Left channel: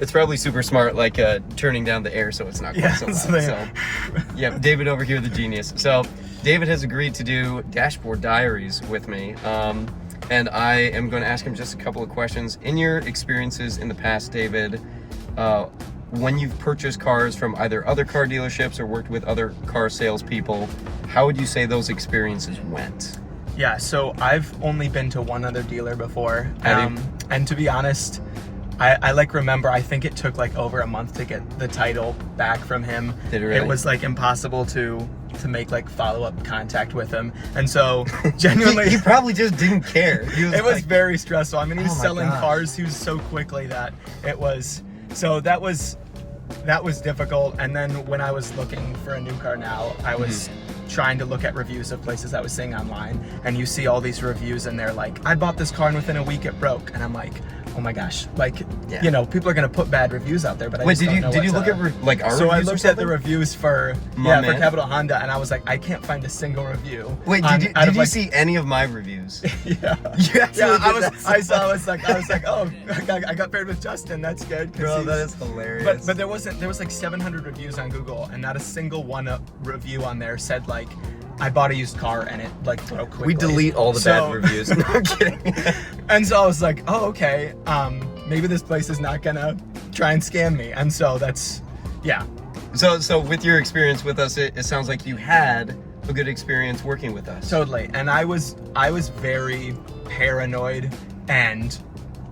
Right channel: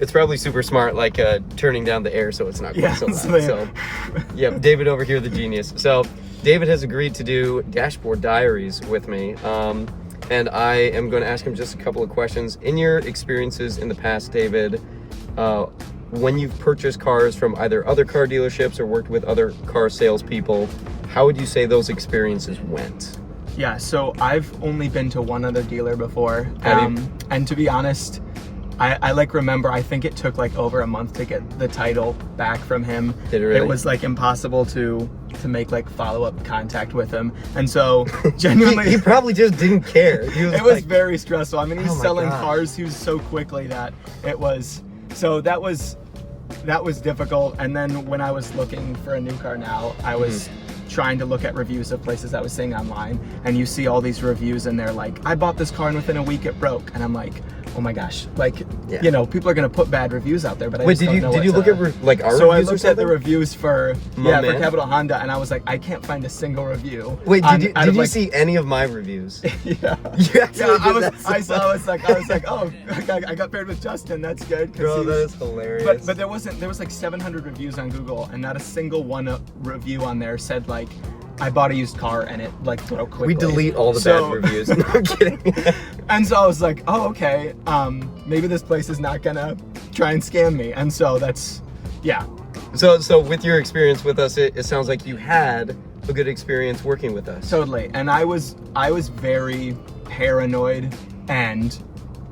It's probably super smart, like turning down the air so it's not quite so loud. So, yep, David over here, the genius. So, David has agreed to do dashboard diaries with me, and I am going to ask him just a couple of questions. In your experiences in the past, David, when you've purchased cars from either other car dealerships or worked with other car salespeople, how would you say those experiences went? Yeah, so I've only been to one other dealer before, Have you? and to be honest, I like remember, I think it took like over a month to get the title back from him. Did it really? It was like impossible to make like follow-up contact with him, and so genuinely he probably just didn't care. it was very stressful. I mean, he was Oh my selling gosh. cars so quickly that it was, so that was difficult. And then when I was looking for a new car now, I was trying to look at reviews of places I was seeing online, and you see all these reviews and they're like, I bought this car and within a week it broke, and I'm like, oh my gosh, like, Yeah. you know, people are gonna put bad reviews out there, but I Wait, just don't know did you what look to- at like our so I reviews or looked at the something? reviews for My for man. Capital Honda, and I was like, I can't find a single review. Wait, on- did out of, you like- see any of my reviews? Yeah. Yeah, I was like, oh, I got paired with Justin. That's good. 'cause Bro, that he's- is hilarious. But there was like 700 reviews on Google, and not a single one review on there said like, I bought a used car and it like broke quickly. we delete all the So- bad reviews. No, I'm kidding. And so I was like, oh, okay, maybe this place is not gonna try and scam me. And so that's, yeah. So with your experience with us, it sounds like you had a good experience working with us. Totally. And I was very paranoid, and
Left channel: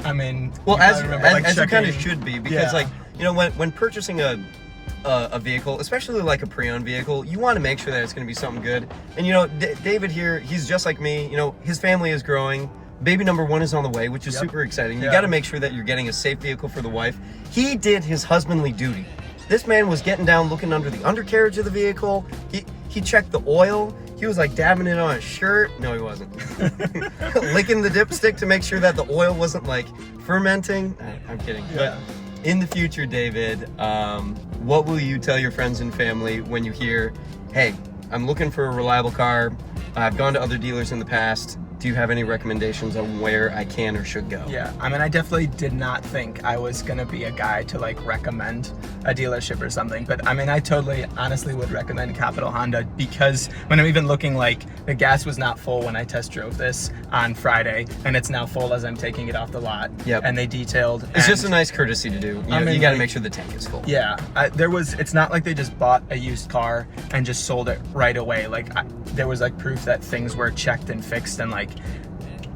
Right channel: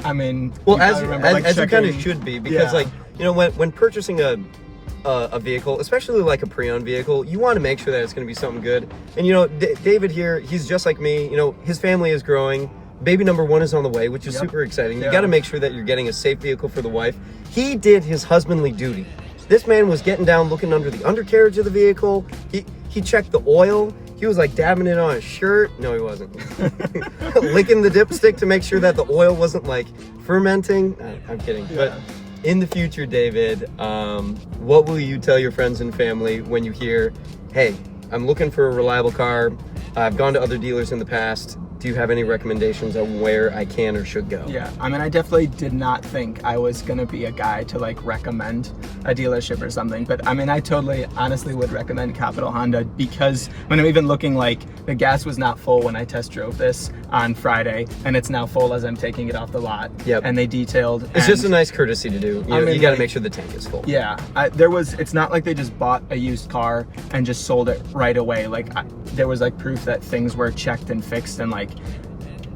I mean, Well, you as probably remember, like, you kind of checking- should be, because Yeah. like, you know, when purchasing a vehicle, especially like a pre-owned vehicle, you want to make sure that it's going to be something good. And you know, David here, he's just like me. You know, his family is growing. Baby number one is on the way, which is Yep. super exciting. You Yeah. got to make sure that you're getting a safe vehicle for the wife. He did his husbandly duty. This man was getting down, looking under the undercarriage of the vehicle. He checked the oil. He was like dabbing it on his shirt. No, he wasn't. Licking the dipstick to make sure that the oil wasn't like fermenting. I'm kidding. Yeah. But in the future, David, what will you tell your friends and family when you hear, hey, I'm looking for a reliable car. I've gone to other dealers in the past. Do you have any recommendations on where I can or should go? Yeah, I mean, I definitely did not think I was gonna be a guy to like recommend a dealership or something, but I mean, I totally, honestly would recommend Capital Honda, because when I'm even looking, like, the gas was not full when I test drove this on Friday, and it's now full as I'm taking it off the lot. Yep. And they detailed. It's just a and- nice courtesy to do. You know, I mean, you got to like- make sure the tank is full. Yeah, it's not like they just bought a used car and just sold it right away. Like, there was like proof that things were checked and fixed, and like,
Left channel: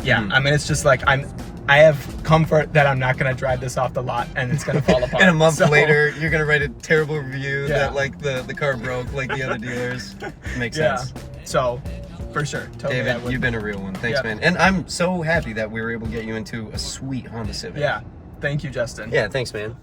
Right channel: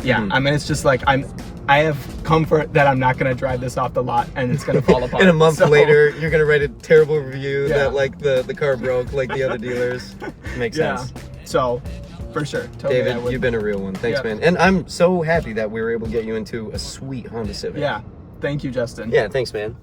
yeah, I mean, it's just like, I have comfort that I'm not gonna drive this off the lot and it's gonna fall apart. And a month So, later, you're gonna write a terrible review Yeah. that like the car broke like the other dealers. Makes yeah. sense. So, for sure, totally. I David, would- you've been a real one. Thanks, Yeah. man. And I'm so happy that we were able to get you into a sweet Honda Civic. Yeah, thank you, Justin. Yeah, thanks, man.